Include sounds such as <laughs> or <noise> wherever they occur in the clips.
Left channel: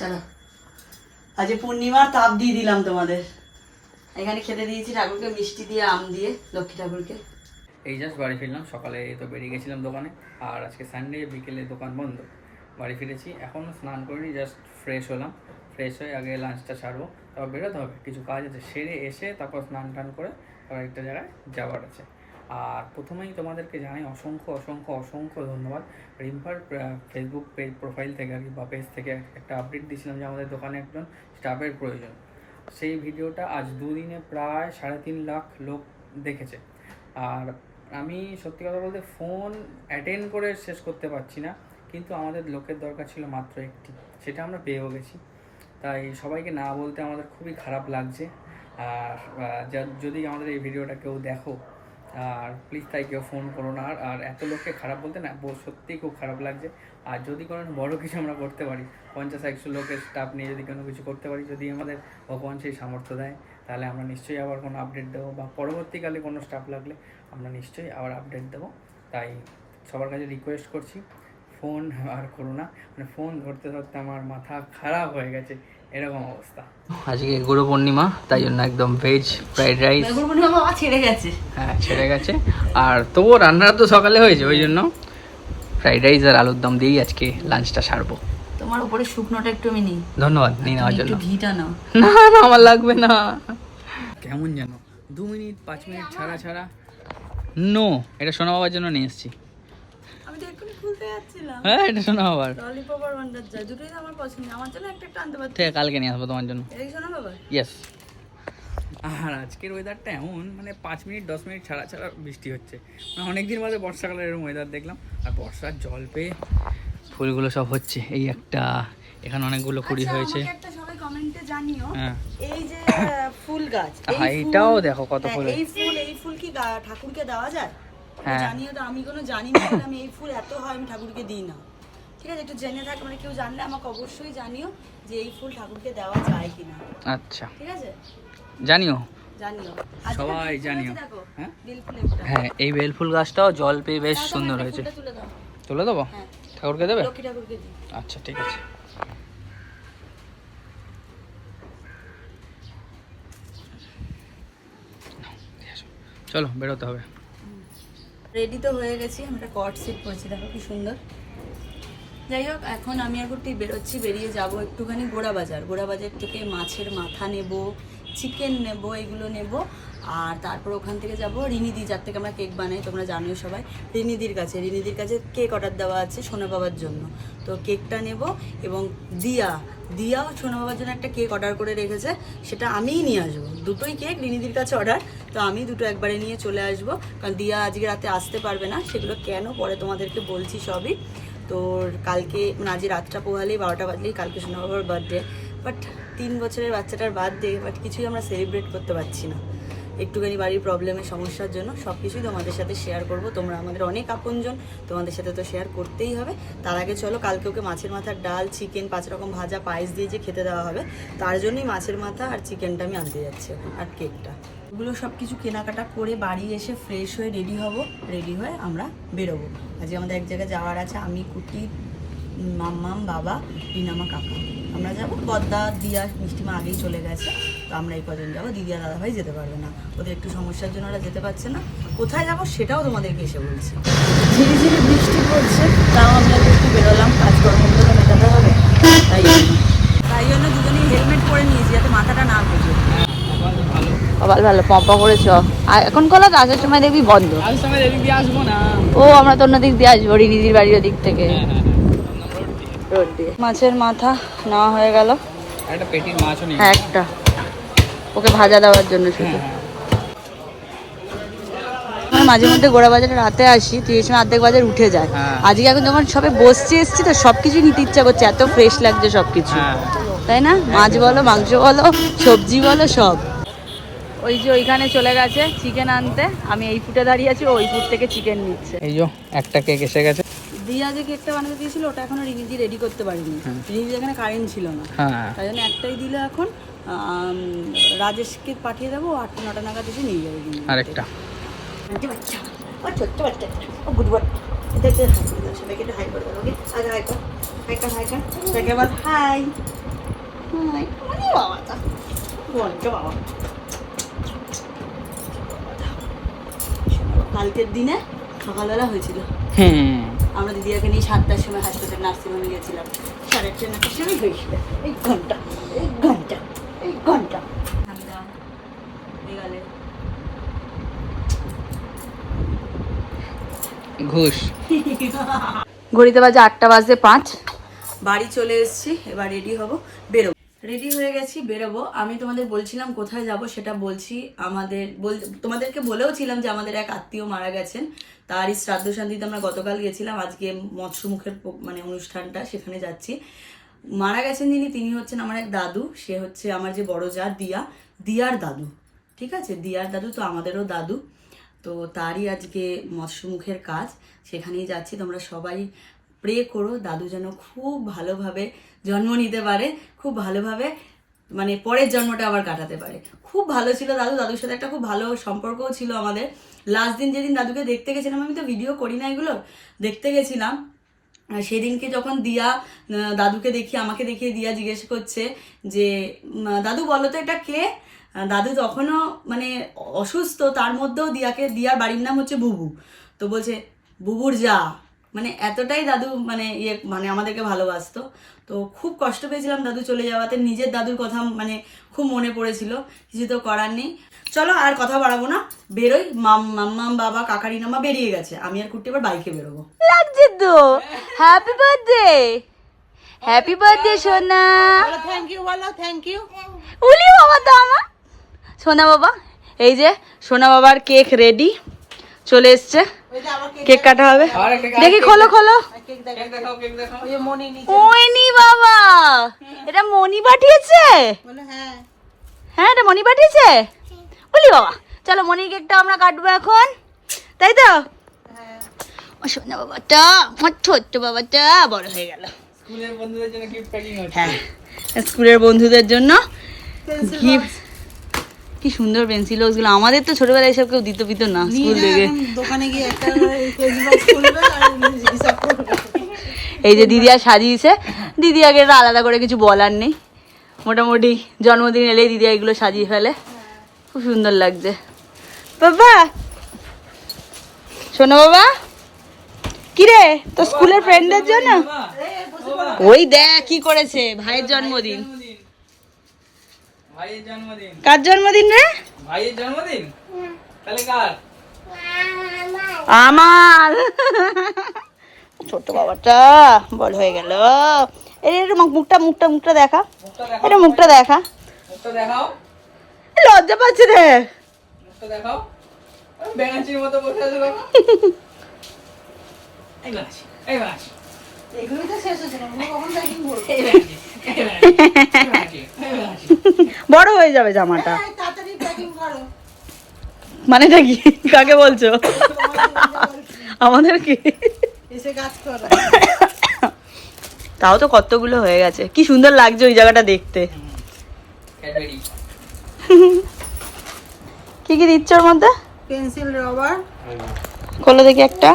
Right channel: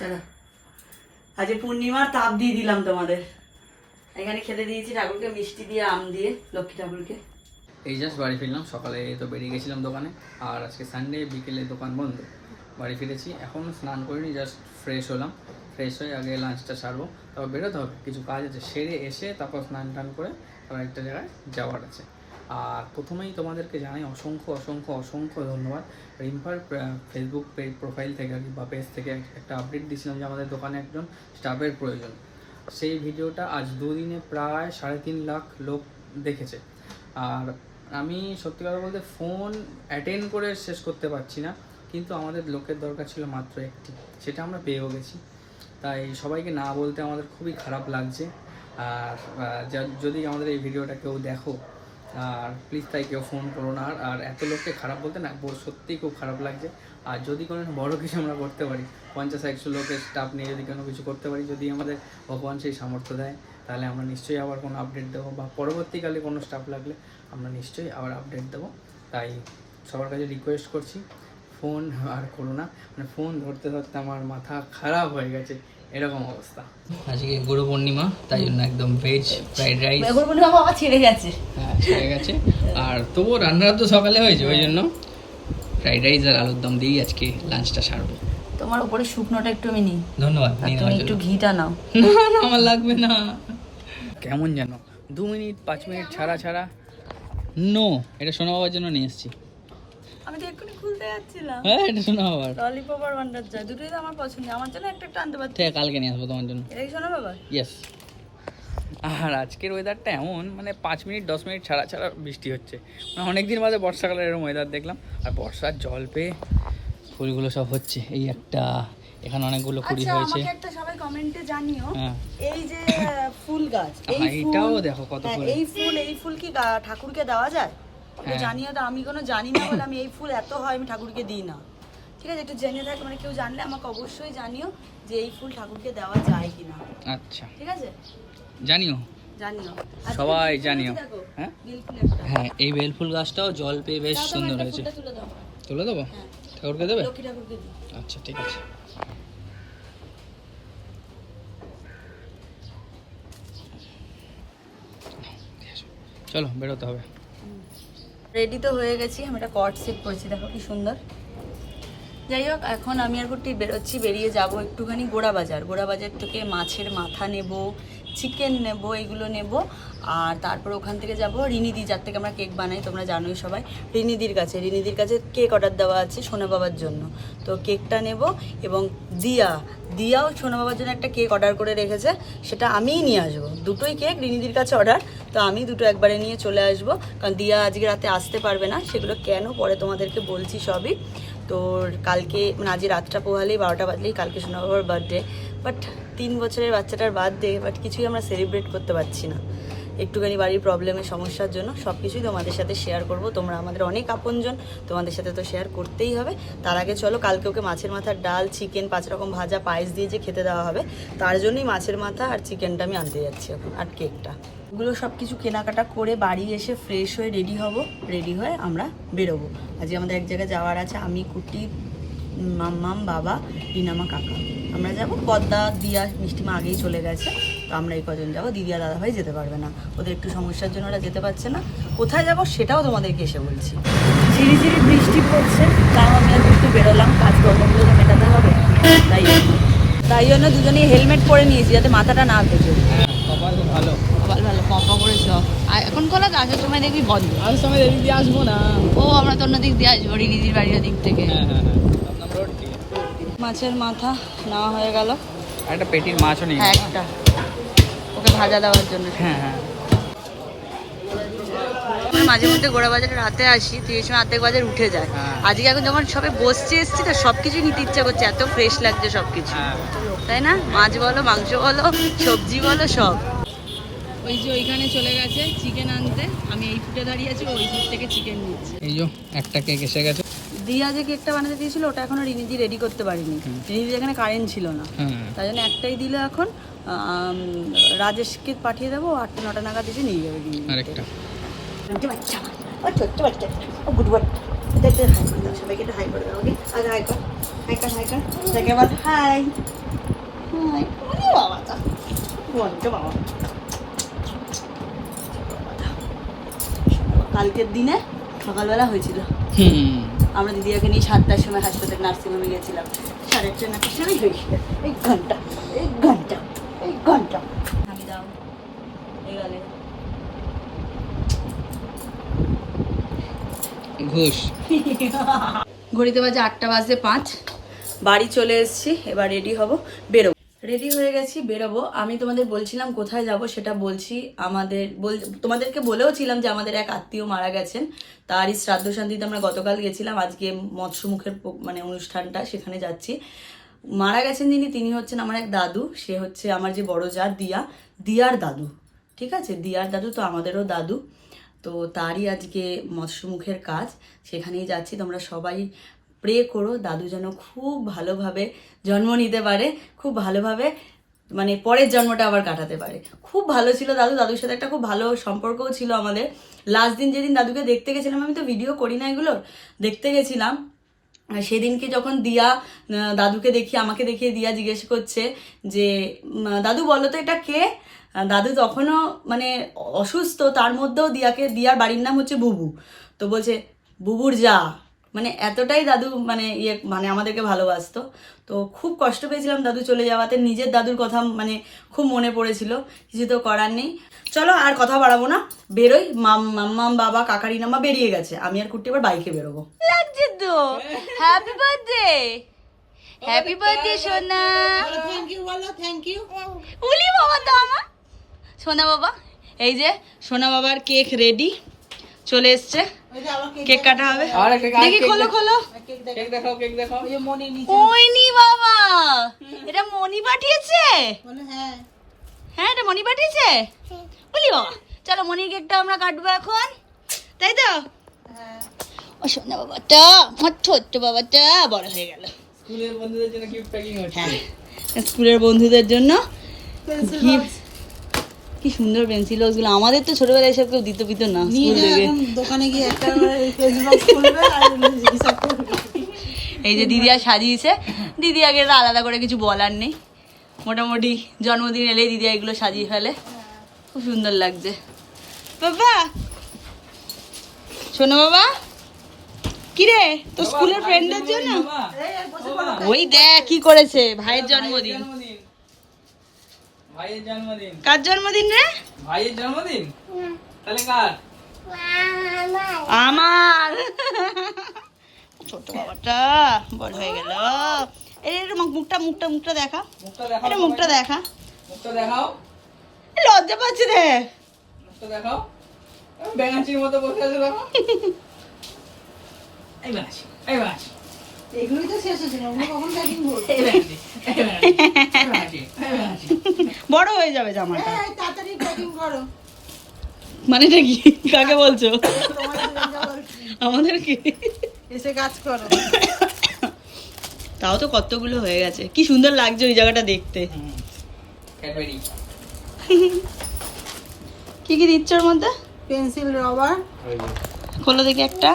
চলো। আজকে পূর্ণিমার তাপ দিয়ে দিলাম তোমাদের। এখানে খেতে দিয়েছি ঠাকুরকে মিষ্টি দিয়ে, আম দিয়ে, লক্ষ্মী ঠাকুরকে। এই জাস্ট বাড়ি ফিরলাম। সকালে তো বেরিয়ে গেছিলাম দোকানে। আর আজকে সানডে বিকেলে দোকান বন্ধ। বাড়ি ফিরেছি। এখনও স্নান করিনি জাস্ট ফ্রেশ হলাম। ফ্রেশ হয়ে আগে লাঞ্চটা সারবো, তারপর বেরোতে হবে। কিছু কাজ আছে, সেরে এসে তারপর স্নান টান করে তারপর একটা জায়গায় যাওয়ার আছে। আর প্রথমেই তোমাদেরকে জানাই অসংখ্য অসংখ্য অসংখ্য ধন্যবাদ। রিম্পার ফেসবুক প্রোফাইল থেকে আর কি বা পেজ থেকে একটা আপডেট দিয়েছিলাম যে আমাদের দোকানে একজন স্টাফের প্রয়োজন। সেই ভিডিওটা আজ দুদিনে প্রায় সাড়ে তিন লাখ লোক দেখেছে। আর আমি সত্যি কথা বলতে ফোন অ্যাটেন্ড করে শেষ করতে পারছি না, কিন্তু আমাদের লোকের দরকার ছিল মাত্র একটি, সেটা আমরা পেয়েও গেছি। তাই সবাইকে না বলতে আমাদের খুবই খারাপ লাগছে। আর যদি আমাদের এই ভিডিওটা কেউ দেখো আর প্লিজ তাই কেউ ফোন করো না। আর এত লোককে খারাপ বলতে না সত্যিই খুব খারাপ লাগছে। আর যদি কোনো বড় কিছু আমরা করতে পারি, পঞ্চাশ, একশো লোকের স্টাফ নিয়ে যদি কোনো কিছু করতে পারি, যদি আমাদের ভগবান সেই সামর্থ্য দেয়, তাহলে আমরা নিশ্চয়ই আবার কোনো আপডেট দেবো বা পরবর্তীকালে কোনো স্টাফ লাগলে আমরা নিশ্চয়ই আবার আপডেট দেবো। তাই সবার কাছে রিকোয়েস্ট করছি ফোন আর করো না। মানে ফোন ধরতে ধরতে আমার মাথা খারাপ হয়ে গেছে। এরকম অবস্থা। আজকে গুরু পূর্ণিমা তাই জন্য একদম ভেজ ফ্রাইড রাইস বাবা ছেড়ে গেছে। হ্যাঁ ছেড়ে গেছে। আর তবুও রান্নাটা তো সকালে হয়েছে ওই জন্য ফ্রাইড রাইস আর আলুর দম দিয়েই আজকে লাঞ্চটা সারবো। তোমার উপরে শুকনোটা একটু আমি নিই। ধন্যবাদ নিয়ে নেওয়ার একটু জন্য। ঘিটা নাও। না না আমার লাগবে না। কেমন যেন। দু মিনিট পাঁচ মিনিট ছাড়া ছাড়া। নো এটা সোনা বাবার জন্য নিয়ে এসেছি। যাচ্ছিলাম। হ্যাঁ এটা ললিপপ আর ওয়ান্ডার জয় দুটোই তো আমার পছন্দ। আমার জন্য একটা একটা আনতে পারছি ঠিক আছে, কালকে নিয়ে আসব তোমার জন্য। কি শোনা বাবা। ইয়েস আর আজকের ওয়েদারটা এমন মানে পাঁচ মিনিট দশ মিনিট ছাড়া ছাড়া বৃষ্টি হচ্ছে। মানে অনেক দিন বাদে বর্ষাকালের এরকম ওয়েদার দেখলাম। আর বর্ষার জল পেয়ে ফুলগুলো সব হচ্ছে। এই একটা এখানে অনেকগুলো কুড়ি আচ্ছা, হয়েছে। একটা সবাই কমেন্টে জানিও। হ্যাঁ। এই যে ফুল গাছ এইটাও দেখো কত হ্যাঁ, ফুল। এই ফুল এই ফুল কি ঠাকুরকে দেওয়া যায়? হ্যাঁ। জানিও তো আমি কোনো জানি না আমি এই ফুল এত হয় আমি ঠাকুরকে দিই না। ঠিক আছে একটু জেনে থাকে মানে কেউ জানলে আমাকে অবশ্যই জানিও যে এই ফুল ঠাকুরকে দেওয়া যায় কিনা। আচ্ছা। ঠিক আছে? জানিও। সবাই জানিও। হ্যাঁ? হ্যাঁ এই বেলফুল গাছটাও জল পেয়ে বেশ সুন্দর হয়েছে। তুলে দেবো? হ্যাঁ, ঠাকুরকে দেবে। আচ্ছা ঠিক আছে। চলো বেরোতে হবে। রেডি তো হয়ে গেছি, আমি একটা কট সিট পরেছি দেখো কি সুন্দর। যাই হোক, এখন আমি আর কুটি বেরোচ্ছি, বেরিয়ে যাব একটুখানি গোড়া বাজার গোড়া বাজার থেকে মাছের মাথা নেব চিকেন নেব, এগুলো নেব। আর তারপর ওখান থেকে যাব রিনিদি, যার থেকে আমরা কেক বানাই, তোমরা জানোই সবাই। রিনিদির কাছে রিনিদির কাছে কেক অর্ডার দেওয়া আছে সোনা বাবার জন্য। তো কেকটা নেব এবং দিয়া, দিয়াও সোনা বাবার জন্য একটা কেক অর্ডার করে রেখেছে। সেটা আমিই নিয়ে আসব। দুটোই কেক রিনিদির কাছে অর্ডার তো আমি দুটো একবারে নিয়ে চলে আসব। কারণ দিয়া আজকে রাতে আসতে পারবে না, সেগুলো কেন পরে তোমাদেরকে বলছি সবই। তো কালকে মানে আজ রাতটা পোহালেই, বারোটা বাজলেই কালকে সোনা বাবার বার্থডে বাট তিন বছরের বাচ্চাটার বার্থডে বাট কিছুই আমরা সেলিব্রেট করতে পারছি না। একটুখানি বাড়ির প্রবলেমের সমস্যার জন্য সব কিছুই তোমাদের সাথে শেয়ার করব। তোমরা আমাদের অনেক আপনজন, তোমাদের সাথে তো শেয়ার করতেই হবে। তার আগে চলো, কালকে ওকে মাছের মাথার ডাল চিকেন পাঁচ রকম ভাজা, পায়েস দিয়ে যে খেতে দেওয়া হবে, তার জন্যই মাছের মাথা আর চিকেনটা আমি আনতে যাচ্ছি এখন, আর কেকটা এগুলো সব কিছু কেনাকাটা করে বাড়ি এসে ফ্রেশ হয়ে রেডি হব। রেডি হয়ে আমরা বেরোবো। আজকে আমাদের এক জায়গায় যাওয়ার আছে, আমি, কুটি মাম্মাম, বাবা, রিনামা কাকা। আমরা যাব। পদ্মা দিয়া মিষ্টিমা আগেই চলে গেছে। তো আমরা এই কজন যাব। দিদি আর দাদাভাই যেতে পারবে না। ওদের একটু সমস্যার জন্য ওরা যেতে পারছে না। কোথায় যাব সেটাও তোমাদেরকে এসে বলছি। ঝিরি ঝিরি বৃষ্টি পড়ছে। তাও আমরা একটু বেরোলাম। কাজকর্মগুলো তো মেটাতে হবে। তাই জন্য। তাই জন্য দুজনেই হেলমেট পরে নিয়েছি যাতে মাথাটা না ভেজে হ্যাঁ ভালো। আবার ভালো পম্পা এখন কলা তো আসার সময় দেখবি বন্ধ। সময় এদিক দিয়ে আসব না। ও আমরা তো অন্য দিক দিয়ে আসব রিদিদির বাড়ির দিক থেকে। হ্যাঁ হ্যাঁ হ্যাঁ দমদম রোড দিয়ে রোড দিয়ে মাছের মাথা নেওয়া হয়ে গেল। একটা পেটির মাছও নেই হ্যাঁ একটা। ওকে ভাজা দেওয়ার জন্য হ্যাঁ হ্যাঁ। মাঝে মধ্যে গোড়া বাজারে রাতে আসি তুই এই সময় অর্ধেক বাজার উঠে যায়। আজকে এখন যখন সবে বসছে এসছি তো সব কিছু নিতে ইচ্ছা করছে এত ফ্রেশ লাগছে সব কিছু তাই না? মাছ বলো মাংস বলো সবজি বলো সব। ওই যে ওইখানে চলে গেছে চিকেন আনতে। আমি এই ফুটে দাঁড়িয়ে আছি ওই ফুট থেকে চিকেন নিচ্ছে। এই যে একটা কেক এসে গেছে। দিয়া যে কেকটা বানাতে দিয়েছিল ওটা এখনও রিনিদি রেডি করতে পারিনি। হুম। রিনিদি এখানে কারেন্ট ছিল না। হ্যাঁ। তাই জন্য একটাই দিলে এখন রাজেশকে পাঠিয়ে দেবো আটটা নটা নাগাদ এসে নিয়ে যাবে। আরেকটা। ছোট্ট বাচ্চা। ও গুড হাই করে সবাইকে হাই করে দাও আজ হাই কর। হাই কর হাই কর। যাকে বল হাই আয়, ওরে বাবা। কালকের দিনে সকালবেলা হয়েছিল। হুম আমরা দিদিয়াকে নিয়ে সাতটার সময় হাসপাতাল নার্সিংহোমে গেছিলাম। সাড়ে আটটা নটার সময় হয়েছিল এক ঘণ্টা এক ঘণ্টা এক ঘণ্টা। আমি দাও এই গেলে। ঘুষ। ঘড়িতে বাজে আটটা বাজতে পাঁচ। বাড়ি চলে এসেছি এবার রেডি হব বেরোবো। রেডি হয়ে গেছি, বেরোবো। আমি তোমাদের বলছিলাম কোথায় যাব, সেটা বলছি আমাদের, বল- তোমাদেরকে বলেও ছিলাম যে আমাদের এক আত্মীয় মারা গেছেন। তারই শ্রাদ্ধ শান্তিতে আমরা গতকাল গেছিলাম, আজকে মৎস্যমুখের মানে অনুষ্ঠানটা সেখানে যাচ্ছি। মারা গেছেন যিনি, তিনি হচ্ছেন আমার এক দাদু, সে হচ্ছে আমার যে বড় যা, দিয়া, দিয়ার দাদু। ঠিক আছে? দিয়ার দাদু তো আমাদেরও দাদু। তো তারই আজকে মৎস্যমুখের কাজ, সেখানেই যাচ্ছি। তোমরা সবাই প্রে করো, দাদু যেন খুব ভালোভাবে জন্ম নিতে পারে, খুব ভালোভাবে মানে পরের জন্মটা আবার কাটাতে পারে। খুব ভালো ছিল দাদু, দাদুর সাথে একটা খুব ভালো সম্পর্কও ছিল আমাদের। লাস্ট দিন যেদিন দাদুকে দেখতে গেছিলাম, আমি তো ভিডিও করি না এগুলো, দেখতে গেছিলাম। সেদিনকে যখন দিয়া দাদুকে দেখি, আমাকে দেখিয়ে দিয়া জিজ্ঞেস করছে যে দাদু বলো তো এটা কে? দাদু তখনও মানে অসুস্থ, তার মধ্যেও দিয়াকে, দিয়ার বাড়ির নাম হচ্ছে বুবু। তো বলছে, বুবুর যা। মানে এতটাই দাদু মানে ইয়ে মানে আমাদেরকে ভালোবাসতো। তো খুব কষ্ট পেয়েছিলাম দাদু চলে যাওয়াতে। নিজের দাদুর কথা মানে খুব মনে পড়েছিল। কিছু তো করার নেই। চলো আর কথা বাড়াবো না। বেরোই। মাম মাম্মাম বাবা কাকারি নামা বেরিয়ে গেছে। আমি আর কুট্টি এবার বাইকে বেরোবো। লাগছে তো। হ্যাপি বার্থডে হ্যাপি বার্থডে সোনা। থ্যাংক ইউ বলো থ্যাংক ইউ উলি বাবা তো আমার। সোনা বাবা এই যে সোনা বাবার কেক রেডি চলে এসছে। কেক কাটা হবে। দেখি খোলো খোলো। কেক দেখাও কেক দেখাও। মনে নি ওইনি বাবা! এটা মনি পাঠিয়েছে? হ্যাঁ। হ্যাঁ এটা মনি পাঠিয়েছে? বলি বাবা। চলো কেকটা আমরা কাটবো এখন। তাই তো? ও সোনা বাবাটা আমার ছোট্ট বাবাটা বড় হয়ে গেল। স্কুলের বন্ধুদের জন্য গিফট প্যাকিং হচ্ছে। হ্যাঁ। স্কুলের বন্ধুদের জন্য gift। কি সুন্দর পেন্সিলগুলো আমাদের তো ছোটবেলায় এসব কেউ দিত পিত না স্কুল থেকে। দোকানে গিয়ে একটা ফেসবুক খুলবে আর হিসাব করবে। এই যে দিদি আর সাজিয়েছে দিদি আগে আলাদা করে কিছু বলার নেই। মোটামুটি জন্মদিন এলেই দিদি এগুলো সাজিয়ে ফেলে। খুব সুন্দর লাগছে। বাবা! শোনো বাবা! কিরে? তোর স্কুলের ফ্রেন্ডদের জন্য? ওই দেখ কি করেছে ভাইয়ের জন্মদিন। ভাইয়ের জন্মদিন। কার জন্মদিন রে? ভাইয়ের জন্মদিন? তাহলে কার? আমার। ছোট বাবাটা বড় হয়ে গেল। এই একটু মুখটা মুখটা মুখটা দেখা। এটা মুখটা দেখা। মুখটা দেখাও। লজ্জা পাচ্ছে রে। মুখটা দেখাও। বেগাচির মতো বসে আছে বাবা এই বেগাচি এই বেগাচি এগুলোই তো শেষ হচ্ছে না ওগুলো কখন প্যাকিং বড় হয়ে যাবে জামাটা। মানেটা কি? কাকে বলছো? আমাদের কি? এসে কাজ করো। তাও তো কতগুলো হয়ে গেছে। কি সুন্দর লাগছে ওই জায়গাটা দেখতে। কি কি দিচ্ছ ওর মধ্যে? Pencil rubber. খোলো দেখি একটা।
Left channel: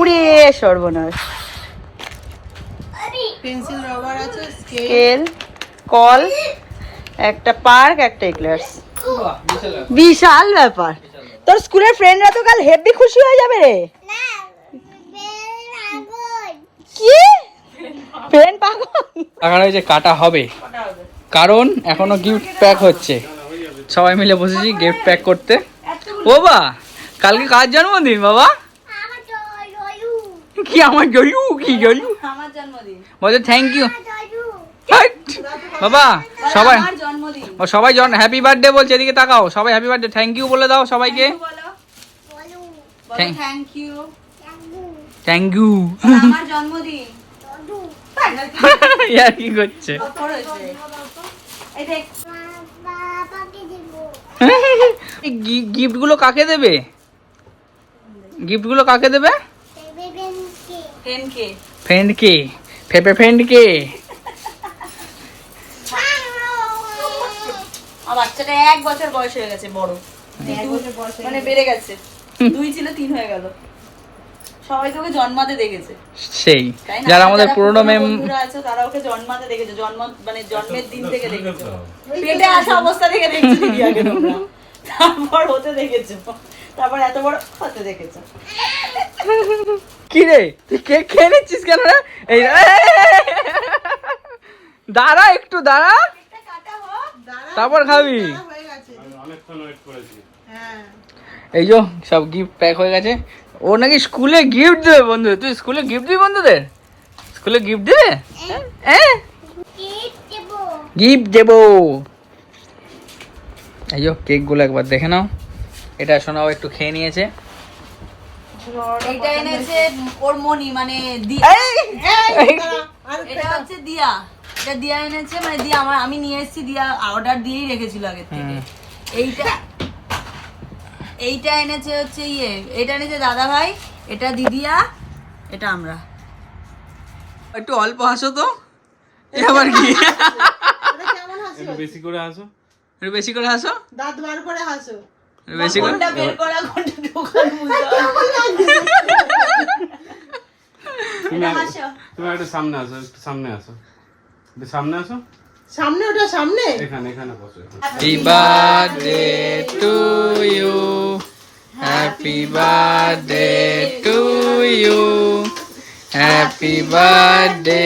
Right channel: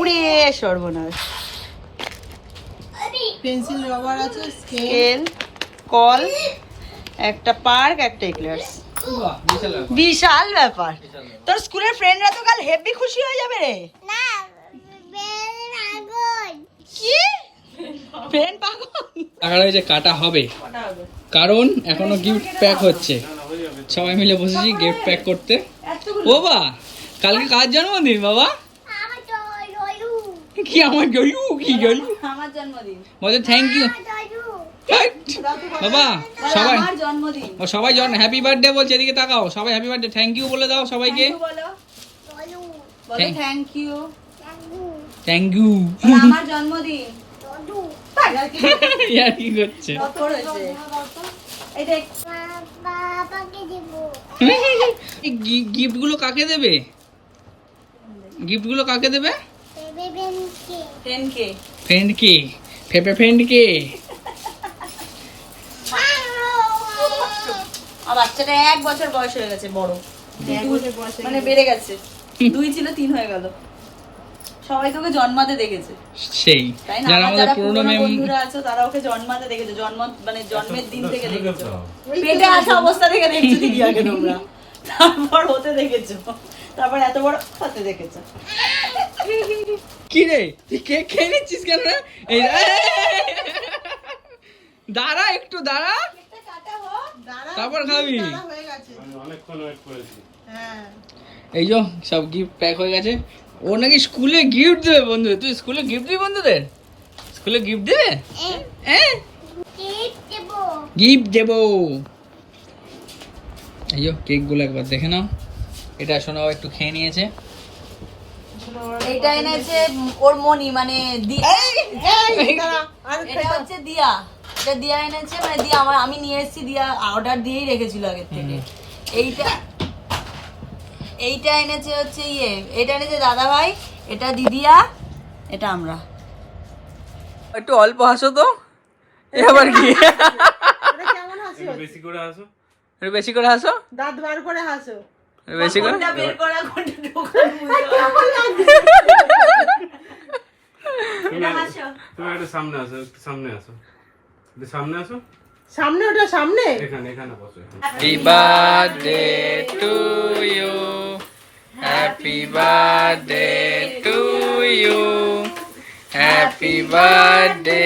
উড়ে সর্বনাশ। পেন্সিল রবার আছে স্কেল কল একটা পার্ক একটা এক্লার্স বিশাল ব্যাপার। তোর স্কুলের ফ্রেন্ডরা তো কাল হেভি খুশি হয়ে যাবে রে। কি? পেন পাগল? ওই যে কাটা হবে। কারণ এখনও গিফট প্যাক হচ্ছে। সবাই মিলে বসেছি গিফট প্যাক করতে। ও বা কালকে কার জন্মদিন বাবা? কি আমার জয়ু? কি জয়ু? আমার জন্মদিন। বলছে থ্যাংক ইউ বাবা সবাই ও সবাই জন হ্যাপি বার্থডে বলছে এদিকে তাকাও। সবাই হ্যাপি বার্থডে থ্যাংক ইউ বলে দাও সবাইকে। বলো। বলো। Thank- thank you thank you আমার জন্মদিন। <laughs> ইয়ার কি করছে? গিফটগুলো কাকে দেবে। গিফটগুলো কাকে দেবে? টেন কে ফ্রেন্ড কে ফেপে ফ্রেন্ড কে? <laughs> আমার বাচ্চাটা এক বছর বয়স হয়ে গেছে বড়। এক বছর বয়স মানে বেড়ে গেছে। দুই ছিল তিন হয়ে গেল। সবাই তোকে জন্মাতে দেখেছে। সেই। তাই না? যারা আমাদের পুরোনো মেম বন্ধুরা আছো তারা ওকে জন্মাতে দেখেছ। জন্ম মানে জন্মের দিন থেকে দেখেছ। পেটে আসা অবস্থা থেকে দেখছ দিদি <laughs> আগে তোমরা। তারপর হতে দেখেছ। তারপর এত বড় হতে দেখেছ। <laughs> কি রে তুই কেক খেয়ে নিচ্ছিস কেন রে এই দাঁড়া একটু দাঁড়া তারপর খাবি হয়ে হ্যাঁ এই যো সব গিফট প্যাক হয়ে গেছে ও নাকি স্কুলে গিফট দেবে বন্ধু তুই স্কুলে গিফট দিবি বন্ধুদের স্কুলে গিফট দেবে হ্যাঁ গিফট দেবো এই যো কেকগুলো একবার দেখে নাও এটা শোনাও একটু খেয়ে নিয়েছে এটা এনেছে ওর মনি মানে এটা হচ্ছে দিয়া। এটা দিয়া এনেছে মানে দিয়া আমার আমি নিয়ে এসেছি দিয়া অর্ডার দিয়েই রেখেছিল আগে থেকে। এইটা এইটা এনেছে হচ্ছে ইয়ে। এটা এনেছে দাদা ভাই এটা দিদিয়া এটা আমরা। একটু অল্প হাসো তো। আবার কি? হাসি? বেশি করে আসো একটু বেশি করে হাসো। দাঁত বার করে হাসো। বেশি করে? তুমি একটু সামনে আসো একটু সামনে আসো। একটু সামনে আসো। সামনে ওটা সামনে? এখানে এখানে বসো happy birthday to you happy birthday to you happy birthday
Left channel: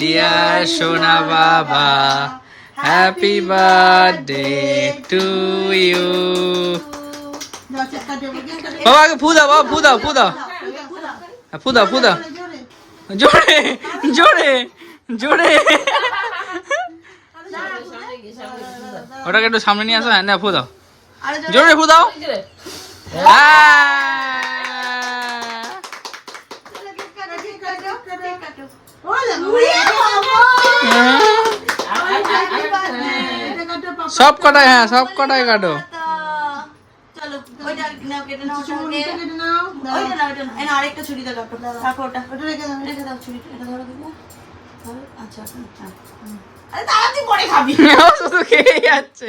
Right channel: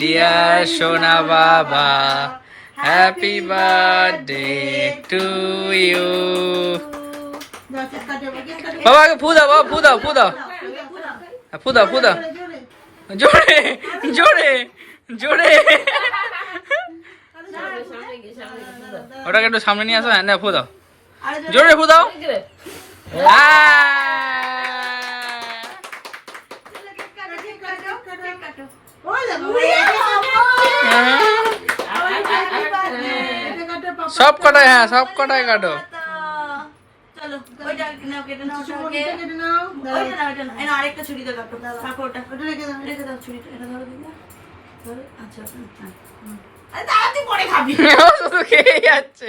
dear সোনা বাবা হ্যাপি বার্থডে টু ইউ দাও, চেষ্টা টেবিল দিয়ে কাটে। বাবা আগে ফু দাও বাবা ফু দাও ফু দাও। হ্যাঁ, ফু দাও ফু দাও। জোরে, জোরে জোরে। ওটাকে একটু সামনে নিয়ে আসো হ্যাঁ না ফু দাও। জোরে ফু দাও। পাপা। সব কটাই হ্যাঁ সব কটাই কাটো। নাও কেটে নাও ছুরি কেটে নাও। ওইটা নাও এটা নাও। আরেকটা ছুরি দাও কাকু কাকু ওটা। ওটা রেখে দাও। রেখে দাও ছুরি এটা ধরো দিদি আচ্ছা হ্যাঁ। আরে তাড়াতাড়ি পরে খাবি। <laughs> শুধু খেয়ে যাচ্ছে।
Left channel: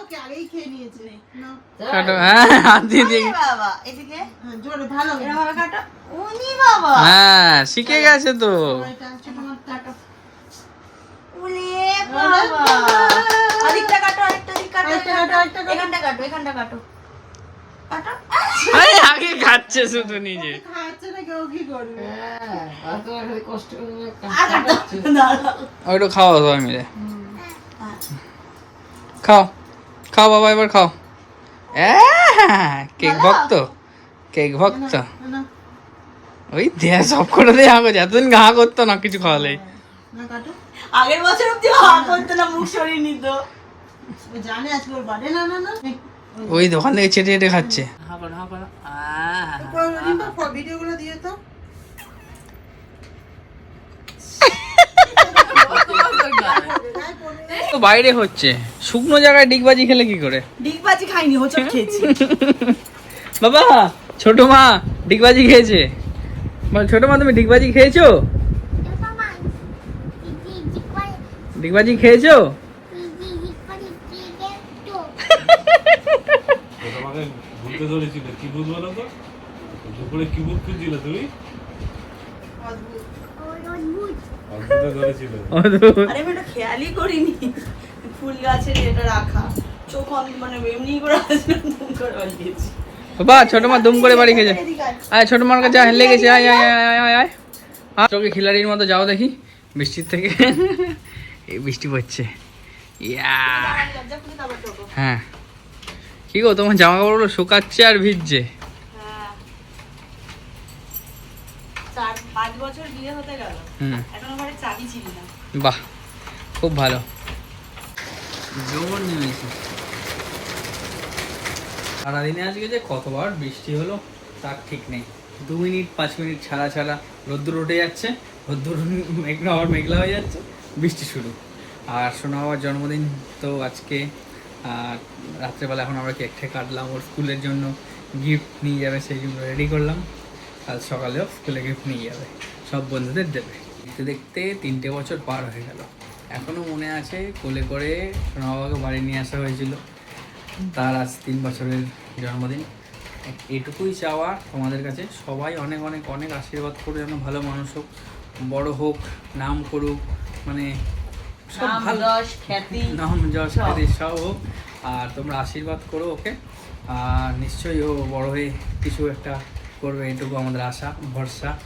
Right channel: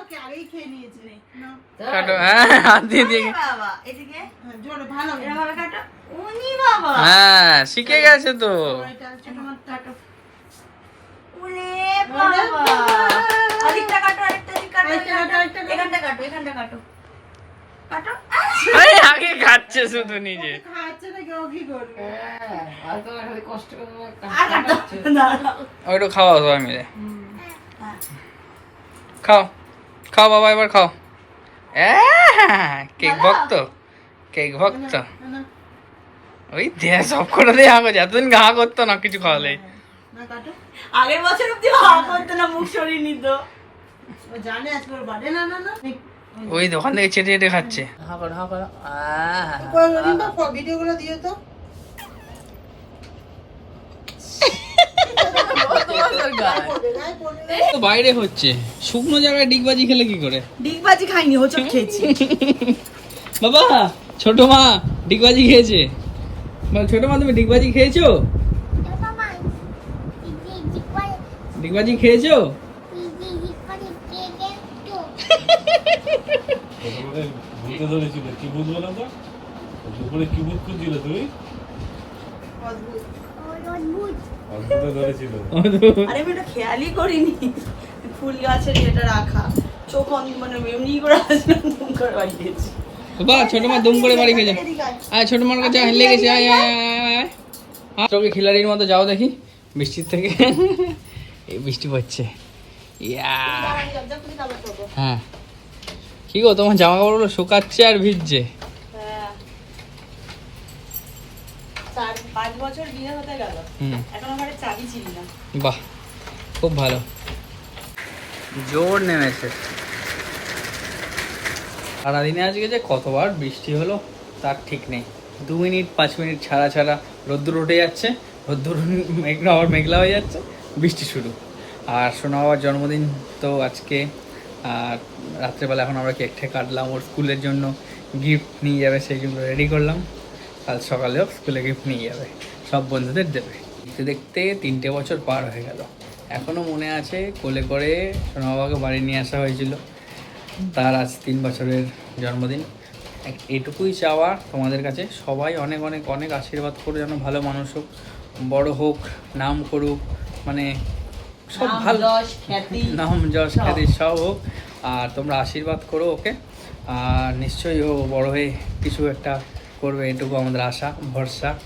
ওকে আগেই খেয়ে নিয়েছে। কাটো হ্যাঁ হাত দিয়ে দিয়ে বাবা এদিকে? হ্যাঁ, জোরে, ভালো এরকম ভাবে কাটো। উনি বাবা। হ্যাঁ শিখে গেছে তো। কাটো। উনি বাবা। আরেকটা কাটো আরেকটা কাটো আরেকটা কাটো, আরেকটা কাটো। এখানটা কাটো। এখানটা কাটো। আরে আগে খাচ্ছে শুধু নিজে। ওইটা খাওয়া সবাই মিলে। খাও খাও বাবা এবার খাও। কেক ভক্ত কেক ভক্ত। ওই দেয়া সব করে দিয়ে হাগো এতদিন ঘা করতো না কিছু খাওয়ালে আগের বছর অব্দি হা করতো না মুখ সরিয়ে নিত। জানে আজকে বার্থডে না না না। ওই দোকান থেকে চেটে চেটে খাচ্ছে। হা করো হা করো কই, রিম্পা, কই, ভিডিওগুলো দিও তো তো বাইরে হচ্ছে। শুকনো জায়গায় ডিগবাজি খেলে কি করে? ডিগবাজি খাইনি হচ্ছে খেয়েছি। বাবা ছোট মা ডিগবাজি খেয়েছে। বল ছোট মা তুমি ডিগবাজি খেয়েছো? ডিগবাজি খেয়েছো ও তোমাকে ভূতে ধরেছিল কি ভূত বলো তো? দুপুরে কি ভূত খুঁজছিল তুমি? অদ্ভুত ধরেছিল। আরে আমি এটা খেয়ালই করিনি। ফুল গাছের এটা রাখা। চোখ মানে এমনি করে আসলাম দুম করে বাড়ি গেছি। বাবা ছোট মা দুম করে বাড়ি আয়। ছোট মার কাছে লেগেছে আয় আয় আয় আয় আয় আয়। আয়। তোকে খিলাড়ির মতো যাও দেখি। বৃষ্টির থেকে। এই বৃষ্টি পড়ছে। ইয়া। হ্যাঁ। কি গো তোমার জামা কাপড়গুলো শুকাচ্ছে আর ভিজছে? হ্যাঁ। বাহ খুব ভালো। জোর নেমেছে। সারাদিনে আজকে যে কতবার বৃষ্টি হলো তার ঠিক নেই। দু মিনিট পাঁচ মিনিট ছাড়া ছাড়া রোদ্দুর উঠে যাচ্ছে রোদ্দুর মেঘলা আবার মেঘলা হয়ে যাচ্ছে বৃষ্টি শুরু। আর শোনা বাবার জন্মদিন তো আজকে আর রাত্রেবেলা এখন আমরা কেক ঠেক কাটলাম, ওর স্কুলের জন্য গিফট নিয়ে যাবে সেইগুলো রেডি করলাম। কাল সকালেও স্কুলে গিফট নিয়ে যাবে, সব বন্ধুদের দেবে। দেখতে দেখতে তিনটে বছর পার হয়ে গেল। এখনও মনে আছে কোলে করে সোনা বাবাকে বাড়ি নিয়ে আসা হয়েছিল। তার আজ তিন বছরের জন্মদিন। এটুকুই চাওয়া তোমাদের কাছে। সবাই অনেক অনেক অনেক আশীর্বাদ করো যেন ভালো মানুষ হোক, বড়ো হোক, নাম করুক মানে সব ভালো। নাম যশ সব। খ্যাতি সব হোক। আর তোমরা আশীর্বাদ করো ওকে। আর নিশ্চয়ই ও বড় হয়ে কিছু একটা করবে এটুকু আমাদের আশা ভরসা।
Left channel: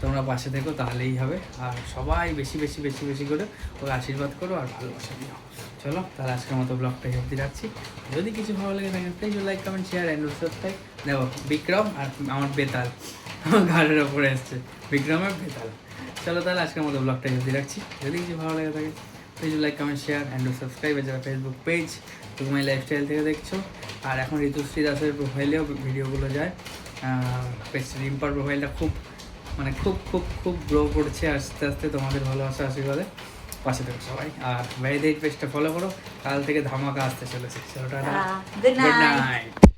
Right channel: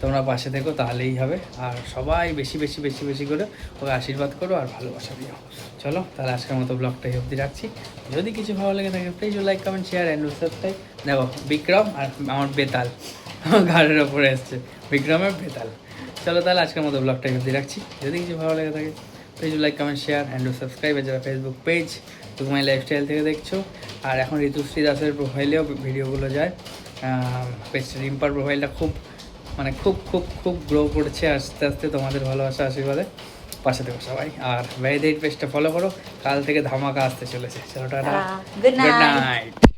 তোমরা পাশে থেকো তাহলেই হবে। আর সবাই বেশি বেশি বেশি বেশি করে ওকে আশীর্বাদ করো আর ভালোবাসা দিও। চলো তাহলে আজকের মতো ব্লগটা এই অবধি রাখছি। যদি কিছু ভালো লেগে থাকে please like comment share and subscribe দেখো বিক্রম আর আমার বেতাল। আমার ঘাড়ের ওপরে এসছে বিক্রমের বেতাল। চলো তাহলে আজকের মতো ব্লগটা অবধি রাখছি। যদি কিছু ভালো লেগে থাকে please like comment share and subscribe যারা ফেসবুক পেজ তুমাই লাইফস্টাইল থেকে দেখছ। আর এখন ঋতুশ্রী দাসের প্রোফাইলেও ভিডিওগুলো যায়। রিম্পার প্রোফাইলটা খুব মানে খুব খুব খুব গ্রো করছে। আস্তে আস্তে তোমাদের ভালোবাসা আশীর্বাদে পাশে থেকো সবাই। আর ভ্যারিডেট পেজটা ফলো করো। কাল থেকে ধামাকা আসতে চলেছে। চলো টাটা। Good night night